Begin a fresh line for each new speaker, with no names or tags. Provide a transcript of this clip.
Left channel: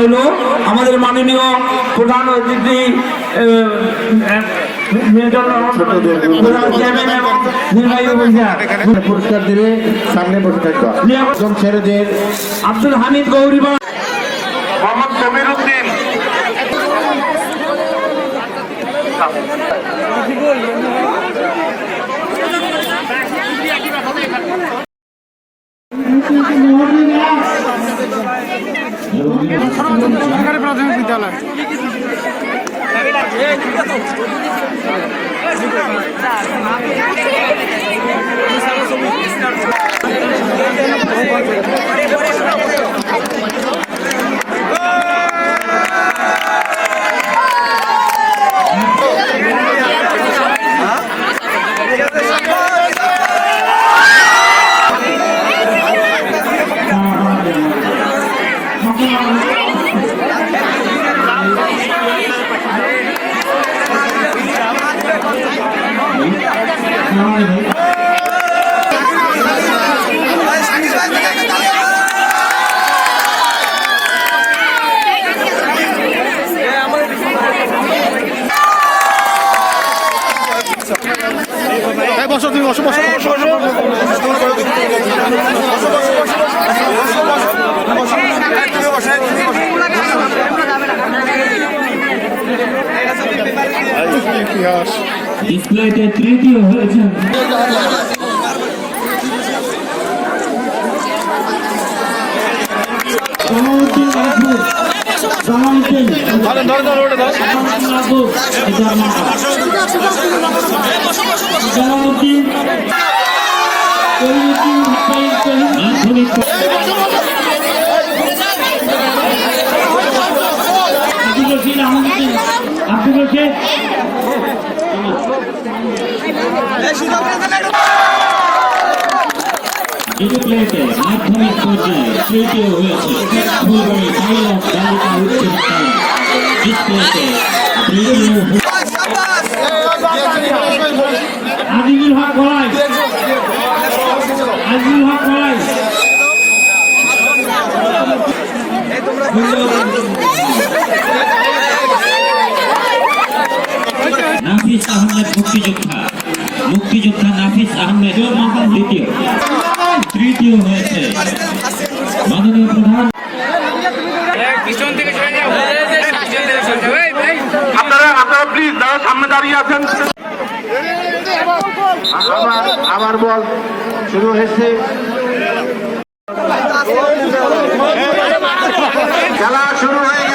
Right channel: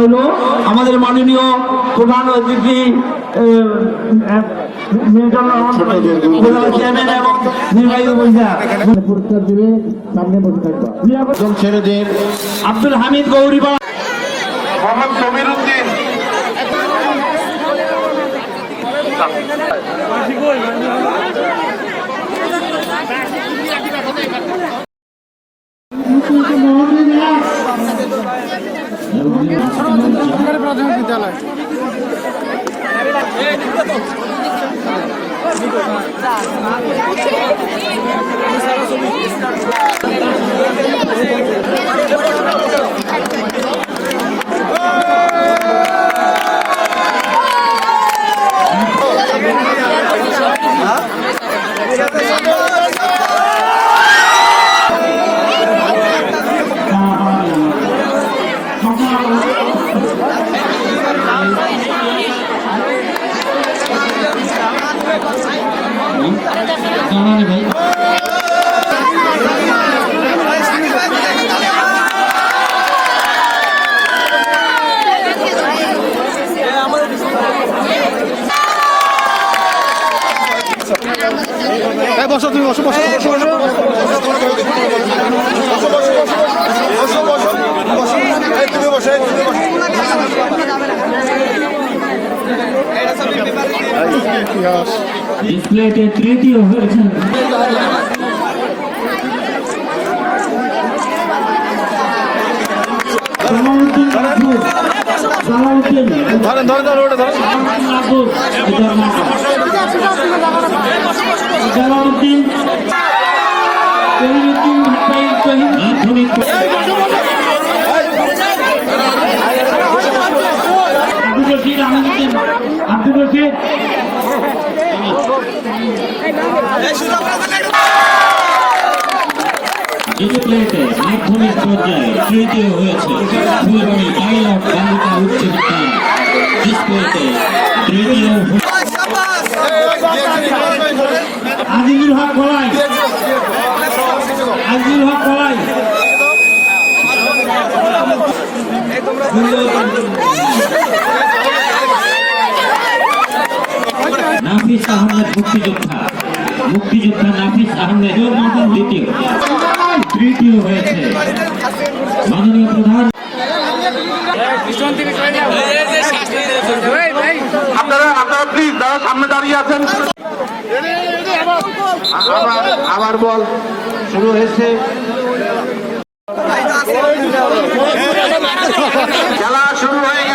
হলো আমাদের মাননীয় প্রধান অতিথি আব্দুল হামিদ গৌরীবা
মোহাম্মদ সমীর উদ্দিন।
সরকারি প্রাথমিক বিদ্যালয়। বসো তুমি বসো বসো ইতিহাস
ডিসপ্লেতে তৃতীয় হয়েছেন আহমদ আব্দুল রশিদ ডিসপ্লেতে মাধ্যমিক পর্যায়ে তৃতীয় হয়েছে ফুলবাড়ি বাইলক বালিকা হক নাফিস আহমেদ মুক্তিযোদ্ধা। মুক্তিযোদ্ধা নাফিস আহমেদ দ্বিতীয়। তৃতীয় হয়েছে। মাননীয় প্রধান
আবার বল শুরু হয়েছে। খেলা শুরু হয়ে